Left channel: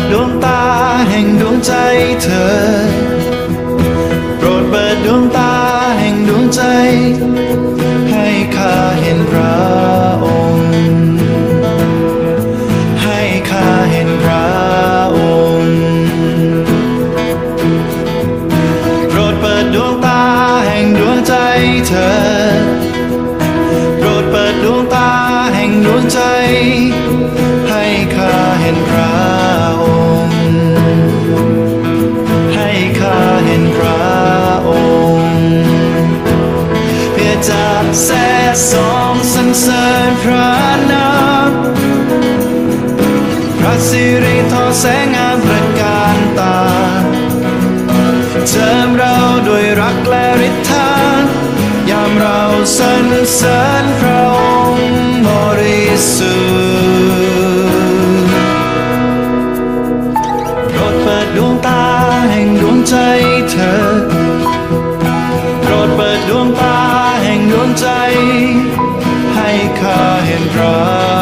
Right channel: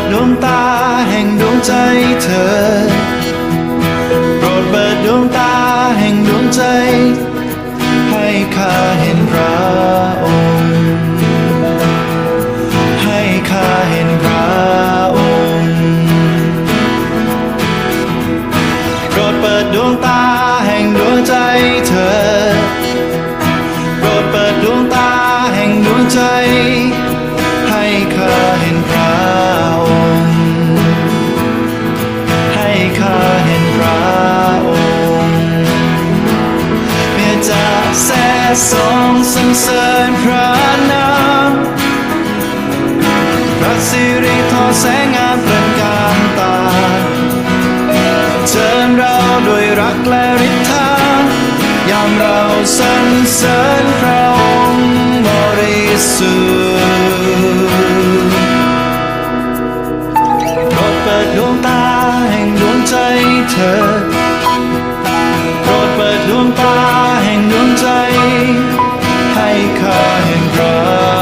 ดดวงตาแห่งดวงใจเธอ โปรดเปิดดวงตาแห่งดวงใจ ให้ข้าเห็นพระองค์ ให้ข้าเห็นพระองค์ โปรดเปิดดวงตาแห่งดวงใจเธอ โปรดเปิดดวงตาแห่งดวงใจ เห็นพระองค์ เพื่อจะแซ่สองสรรเสริญพระนามพระสิริทอแสงงามประการตาเจิมเราด้วยรักและฤทธายามเราสรรเสริญพระองค์บริสุทธิ์ เธอโปรดเปิดดวงตาแห่งดวงใจ ให้ข้าเห็นพระ